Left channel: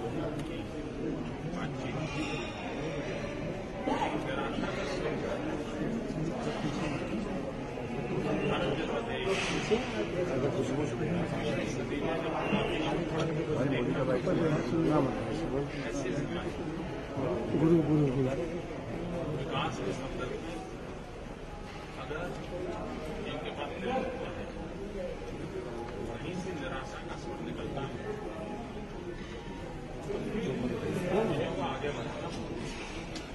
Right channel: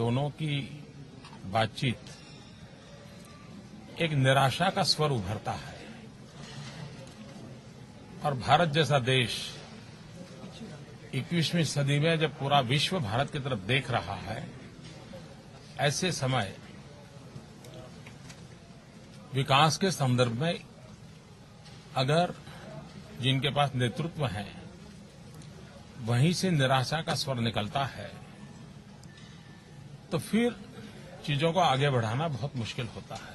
दोनों की बातचीत एक निराशा का स्वर उभरता है और भारत जैसा देश 21वीं सदी में जब पूरा विश्व भारत की तरफ देख रहा है, ऐसे समय विकास के संदर्भ में अगर जिनके पास नेतृत्व है वहीं से निराशा का स्वर निकलता है तो फिर चीजों को आगे बढ़ाना बहुत मुश्किल होता है।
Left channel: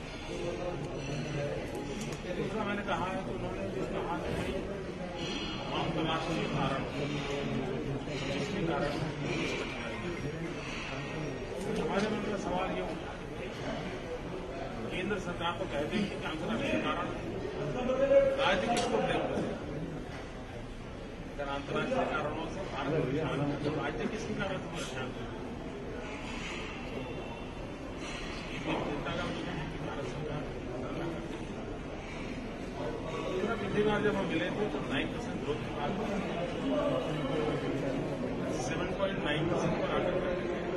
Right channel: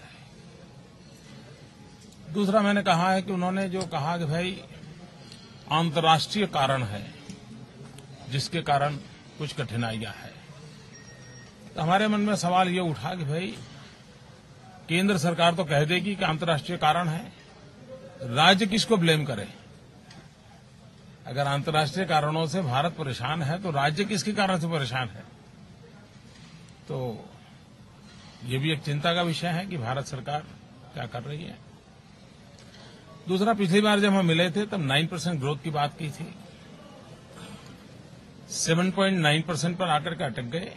दूसरा मैंने कहा है कि उन्होंने जो कहा कि भाई अंतर्राष्ट्रीय कारण है जिसके कारण कुछ कठिनाइयां हैं, तो हमारे मन में सवाल ये उठा कि भाई केंद्र सरकार तो कह देगी कि अंतर्राष्ट्रीय कारण है, राज्य किसको ब्लेम करे? अगर अंतर्राष्ट्रीय कारणों से भारत परेशान है तो राज्य किसके कारण से परेशान है? तो ये भी एक चिंता का विषय है कि भारत सरकार क्या कर रही है। दूसरा, पिछली बार जब हम मिले थे तब 9% ग्रोथ की बात की थी, 7.9% पर आकर के अटक गए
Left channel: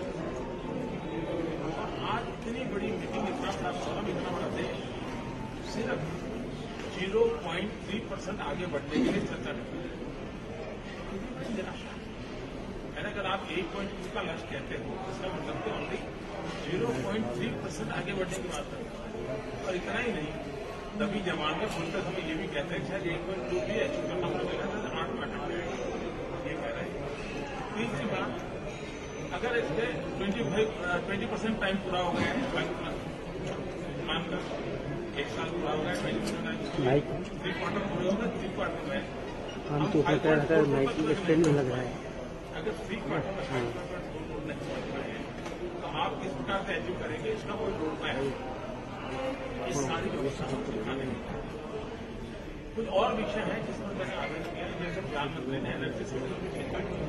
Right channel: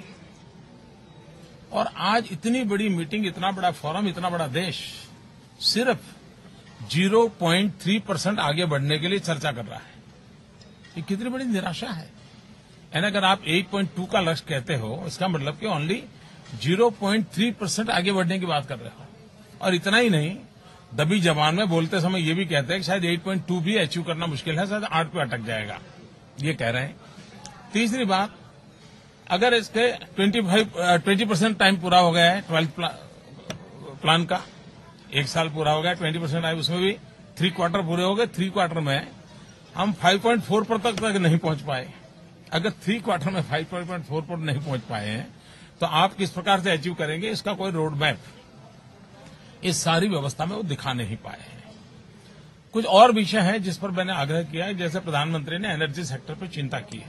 और आज इतनी बड़ी मीटिंग, इतना बड़ा फोरम, इतना बड़ा देश सिर्फ 0.3% आगे बढ़ने के लिए चर्चा कर रहा है। ये कितनी बड़ी निराशा है। यानी अगर आप 8.2 का लक्ष्य कहते हो, इसका मतलब कि ओनली 0.3% आगे बढ़ने की बात कर रहे हो। और इतना ही नहीं, दबी जबान में बोलते समय ये भी कहते हैं कि शायद 8.2 भी अचीव करना मुश्किल है, शायद 8 पे अटक जाएगा, ये कह रहे हैं। तीसरी बात, अगर इसके 20% टाइम पूरा हो गया है 12th प्लान का, 1 साल पूरा हो गया, 20% टाइम, उसमें भी 3 क्वार्टर पूरे हो गए। 3 क्वार्टर में हम 5.4 तक नहीं पहुंच पाए। अगर 3 क्वार्टर में 5.4 पर नहीं पहुंच पाए हैं तो आप किस प्रकार से अचीव करेंगे? इसका कोई रोड मैप इस सारी व्यवस्था में वो दिखा नहीं पाए। कुछ और विषय है जिस पर मैंने आग्रह किया है, जैसे प्रधानमंत्री ने एनर्जी सेक्टर पर चिंता की है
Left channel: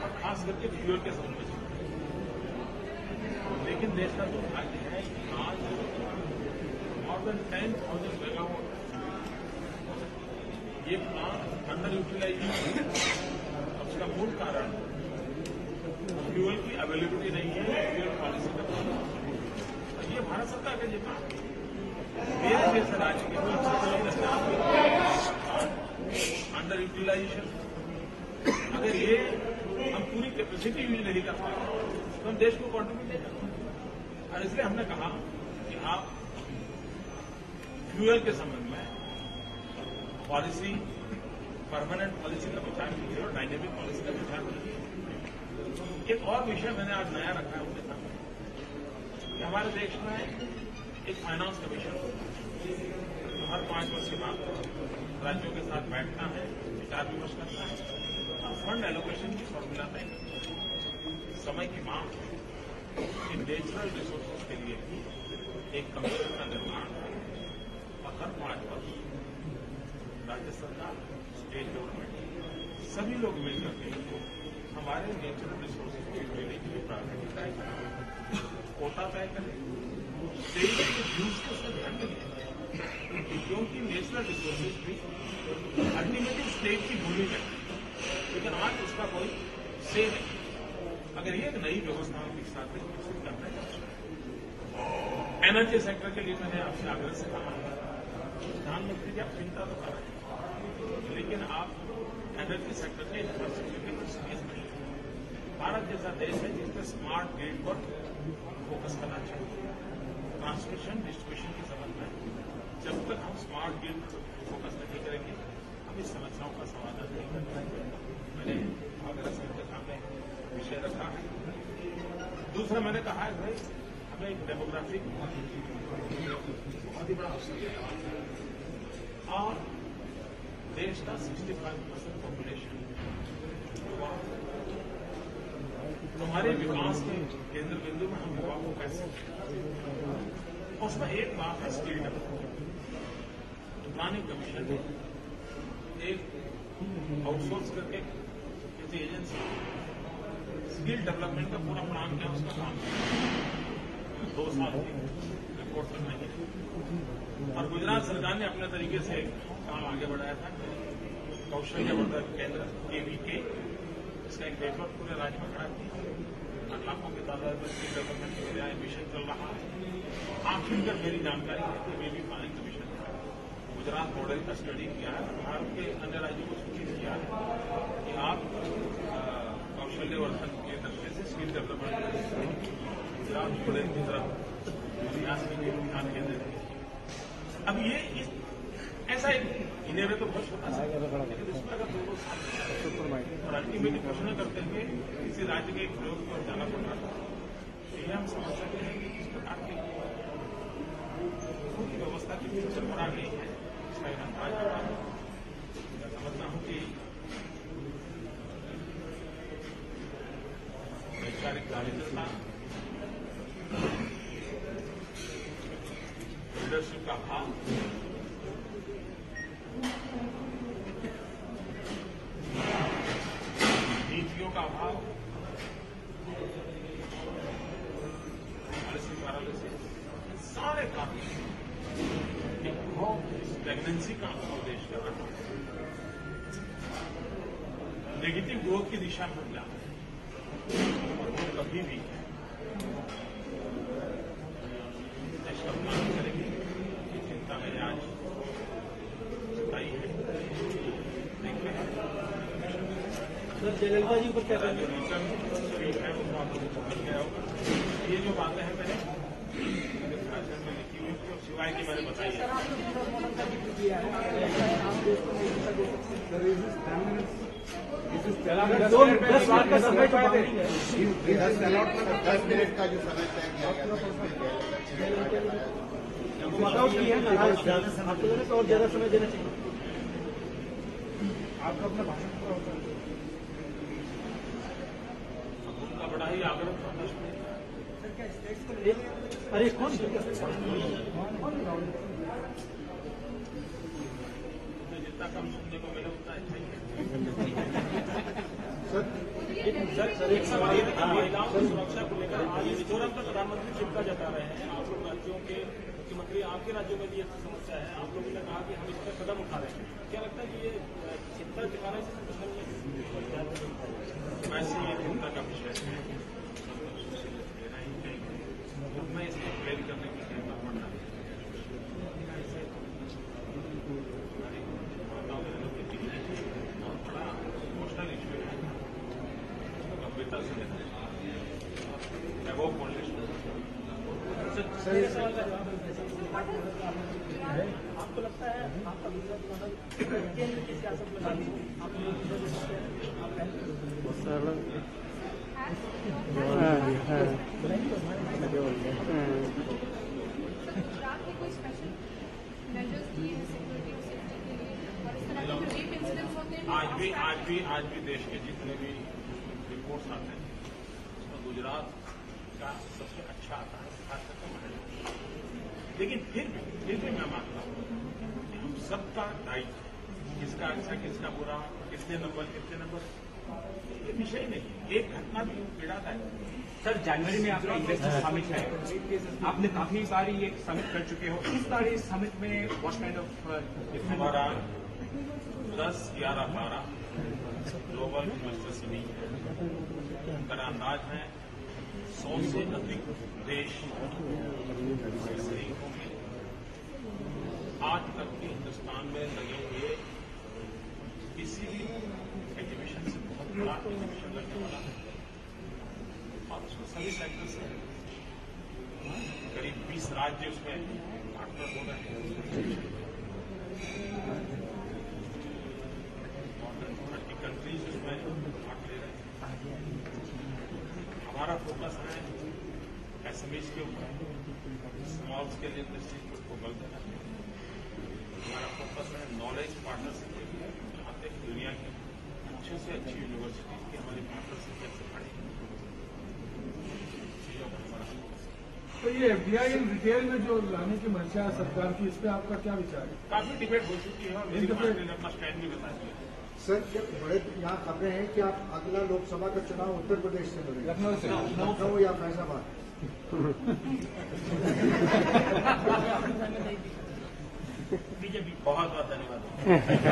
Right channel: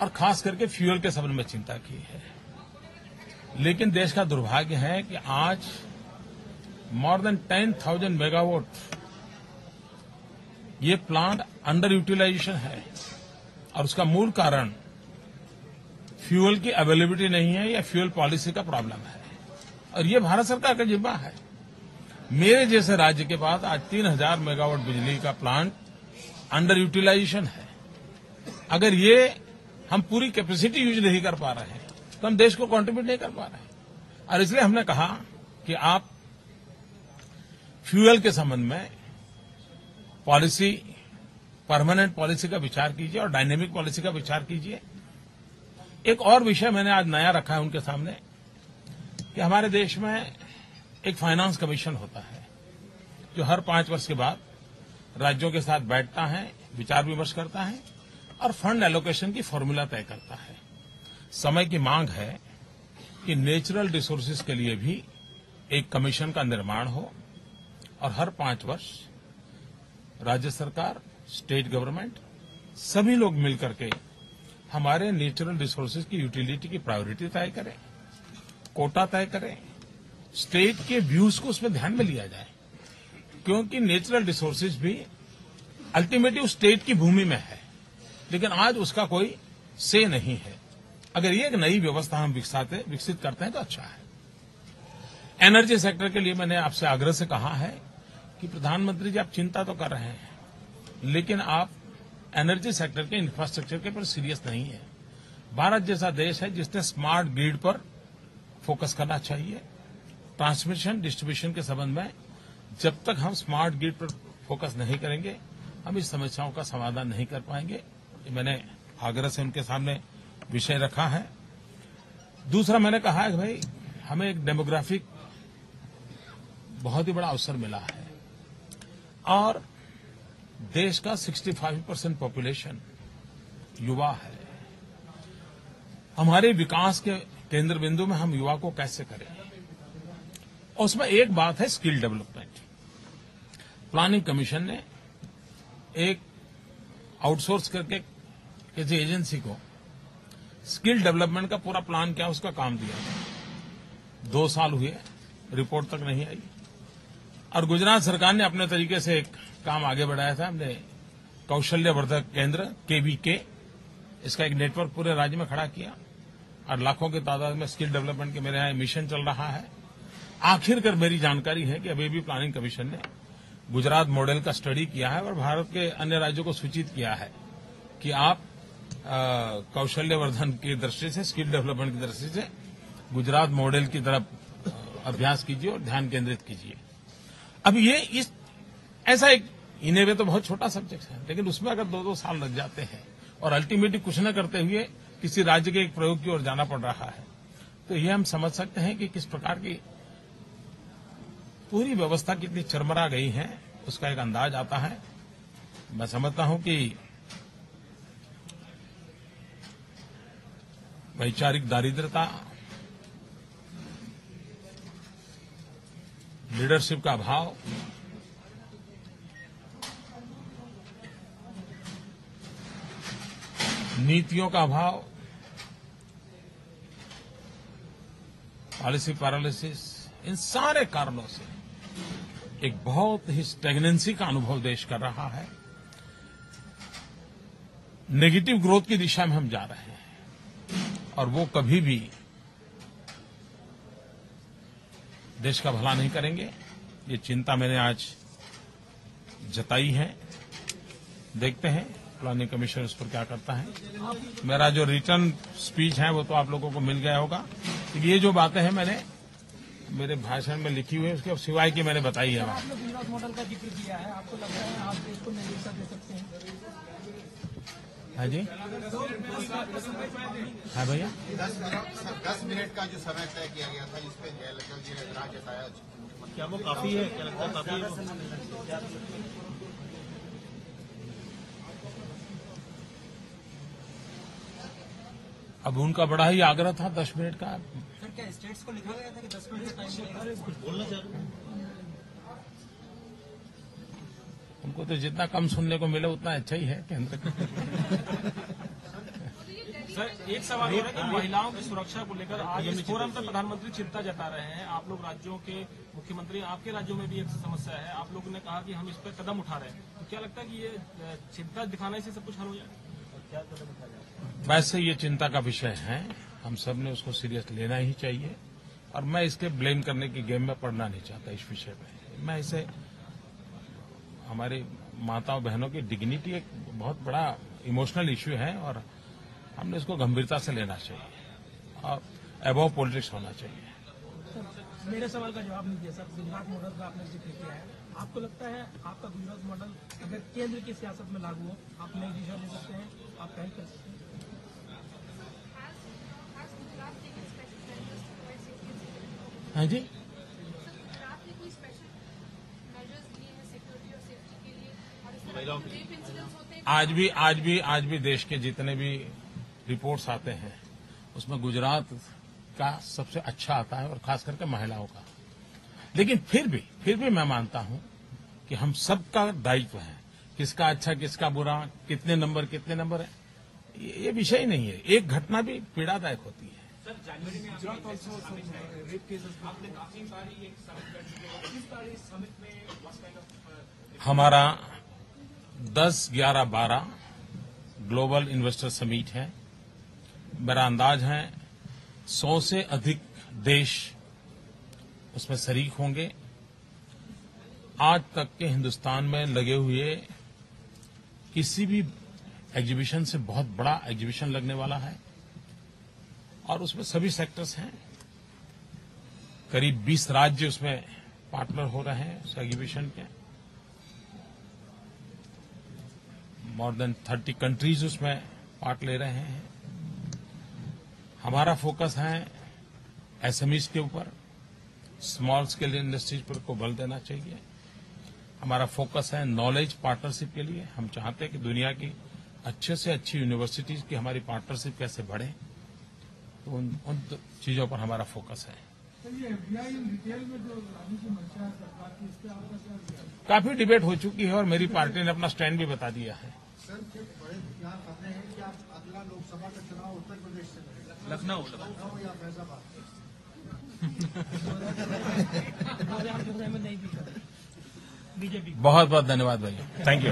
और खास करके फ्यूल के संबंध में चिंता की है। लेकिन देश का दुर्भाग्य है कि आज मोर देन 10,000 मेगावाट ये प्लांट अंडर यूटिलाइजेशन है और उसका मूल कारण फ्यूल की अवेलेबिलिटी नहीं है या फ्यूल पॉलिसी का प्रॉब्लम है और ये भारत सरकार का जिम्मा है। मेरे जैसे राज्य के पास आज 3,000 मेगावाट बिजली का प्लांट अंडर यूटिलाइजेशन है। अगर ये हम पूरी कैपेसिटी यूज नहीं कर पा रहे हैं तो हम देश को कंट्रीब्यूट नहीं कर पा रहे हैं। और इसलिए हमने कहा कि आप फ्यूल के संबंध में पॉलिसी, परमानेंट पॉलिसी का विचार कीजिए और डायनेमिक पॉलिसी का विचार कीजिए। एक और विषय मैंने आज नया रखा है उनके सामने कि हमारे देश में एक फाइनेंस कमीशन होता है जो हर 5 वर्ष के बाद राज्यों के साथ बैठता है, विचार विमर्श करता है और फंड एलोकेशन की फॉर्मूला तय करता है। समय की मांग है कि नेचुरल रिसोर्सेज के लिए भी एक कमीशन का निर्माण हो और हर 5 वर्ष राज्य सरकार, स्टेट गवर्नमेंट सभी लोग मिलकर के हमारे नेचुरल रिसोर्सेज की यूटिलिटी की प्रायोरिटी तय करें, कोटा तय करें, स्टेट के व्यूज को उसमें ध्यान में लिया जाए, क्योंकि नेचुरल रिसोर्सेज भी अल्टीमेटली स्टेट की भूमि में है, लेकिन आज उसका कोई से नहीं है। अगर ये एक नई व्यवस्था हम विकसित करते हैं तो अच्छा है। एनर्जी सेक्टर के लिए मैंने आपसे आग्रह से कहा है कि प्रधानमंत्री जी, आप चिंता तो कर रहे हैं लेकिन आप एनर्जी सेक्टर के इंफ्रास्ट्रक्चर के पर सीरियस नहीं है। भारत जैसा देश है जिसने स्मार्ट ग्रिड पर फोकस करना चाहिए। ट्रांसमिशन डिस्ट्रीब्यूशन के संबंध में जब तक हम स्मार्ट ग्रिड पर फोकस नहीं करेंगे हम इस समस्याओं का समाधान नहीं कर पाएंगे। मैंने आग्रह से उनके सामने विषय रखा है। दूसरा, मैंने कहा है कि भाई हमें एक डेमोग्राफिक बहुत ही बड़ा अवसर मिला है और देश का 65% पॉपुलेशन युवा है। हमारे विकास के केंद्र बिंदु में हम युवा को कैसे करें? और उसमें एक बात है स्किल डेवलपमेंट। प्लानिंग कमीशन ने एक आउटसोर्स करके किसी एजेंसी को स्किल डेवलपमेंट का पूरा प्लान क्या उसका काम दिया। 2 साल हुए, रिपोर्ट तक नहीं आई और गुजरात सरकार ने अपने तरीके से एक काम आगे बढ़ाया था। हमने कौशल्यवर्धक केंद्र KVK, इसका एक नेटवर्क पूरे राज्य में खड़ा किया और लाखों की तादाद में स्किल डेवलपमेंट के मेरे यहाँ मिशन चल रहा है। आखिरकार मेरी जानकारी है कि अभी भी प्लानिंग कमीशन ने गुजरात मॉडल का स्टडी किया है और भारत के अन्य राज्यों को सूचित किया है कि आप कौशल्यवर्धन की दृष्टि से, स्किल डेवलपमेंट की दृष्टि से गुजरात मॉडल की तरफ अभ्यास कीजिए और ध्यान केंद्रित कीजिए। अब ये ऐसा एक इन्हें तो बहुत छोटा सब्जेक्ट है, लेकिन उसमें अगर 2-2 साल लग जाते हैं और अल्टीमेटली कुछ न करते हुए किसी राज्य के एक प्रयोग की ओर जाना पड़ रहा है, तो ये हम समझ सकते हैं कि किस प्रकार की पूरी व्यवस्था कितनी चरमरा गई है, उसका एक अंदाज आता है। मैं समझता हूं कि वैचारिक दारिद्रता, लीडरशिप का अभाव, नीतियों का अभाव, पॉलिसी पैरालिसिस, इन सारे कारणों से एक बहुत ही स्टैग्नेंसी का अनुभव देश कर रहा है। नेगेटिव ग्रोथ की दिशा में हम जा रहे हैं और वो कभी भी देश का भला नहीं करेंगे। ये चिंता मैंने आज जताई है। देखते हैं प्लानिंग कमीशन इसको क्या करता है। मेरा जो रिटर्न स्पीच है वो तो आप लोगों को मिल गया होगा। ये जो बातें हैं मैंने मेरे भाषण में लिखी हुई है, उसके सिवाय की मैंने बताई है। हाँ जी, 10 मिनट का जो समय तय किया गया था अब उनका बड़ा ही आग्रह था 10 मिनट का। उनको तो जितना कम सुनने को मिले उतना अच्छा ही है। सर, एक सवाल है कि महिलाओं की सुरक्षा को लेकर आज इस फोरम पर प्रधानमंत्री चिंता जता रहे हैं। आप लोग राज्यों के मुख्यमंत्री, आपके राज्यों में भी ये समस्या है, आप लोगों ने कहा कि हम इस पर कदम उठा रहे हैं। क्या लगता है कि ये चिंता दिखाने से सब कुछ हल हो जाएगा? वैसे ये चिंता का विषय है, हम सब ने उसको सीरियस लेना ही चाहिए और मैं इसके ब्लेम करने की गेम में पड़ना नहीं चाहता इस विषय में। मैं इसे हमारी माताओं बहनों की डिग्निटी एक बहुत बड़ा इमोशनल इश्यू है और हमने इसको गंभीरता से लेना चाहिए और अबव पॉलिटिक्स होना चाहिए। मेरे सवाल का जवाब आपको लगता है आपका गुजरात मॉडल केंद्र की सियासत में लागू हो? आप ले सकते हैं? हाँ जी, आज भी देश के जितने भी रिपोर्ट्स आते हैं उसमें गुजरात का सबसे अच्छा आता है और खास करके महिलाओं का। लेकिन फिर भी मैं मानता हूं कि हम सबका दायित्व है, किसका अच्छा किसका बुरा, कितने नंबर है, ये विषय ही नहीं है। एक घटना भी पीड़ादायक होती है। सर, जनवरी में आपका इन्वेस्टर समिट है, आपने काफी बारी ये समिट कर चुके हो। इस बार इस समिट में व्हाट काइंड ऑफ हमारा 10, 11, 12 ग्लोबल इन्वेस्टर समिट है। मेरा अंदाज है 100 से अधिक देश उसमें शरीक होंगे। आज तक के हिंदुस्तान में लगे हुए किसी भी एग्जीबिशन से बहुत बड़ा एग्जीबिशन लगने वाला है और उसमें सभी सेक्टर्स हैं। करीब 20 राज्य उसमें पार्टनर हो रहे हैं उस एग्जीबिशन के। मोर देन 30 कंट्रीज उसमें पार्ट ले रहे हैं। हमारा फोकस है एसएमईज के ऊपर, स्मॉल स्केल इंडस्ट्रीज पर को बल देना चाहिए। हमारा फोकस है नॉलेज पार्टनरशिप के लिए। हम चाहते हैं कि दुनिया की अच्छे से अच्छी यूनिवर्सिटीज की हमारी पार्टनरशिप कैसे बढ़े, उन चीजों पर हमारा फोकस है। तो ये एफडीआई रिटेल में जो लाने की मंशा है सरकार की, इस पर आपका क्या विचार है? काफी डिबेट हो चुकी है और मेरी पार्टी ने अपना स्टैंड भी बता दिया है। सर, बड़े यहाँ खबरें हैं कि आप अगला लोकसभा का चुनाव उत्तर प्रदेश से लड़ेंगे, लखनऊ या फैजाबाद। बहुत बहुत धन्यवाद भाई, थैंक यू।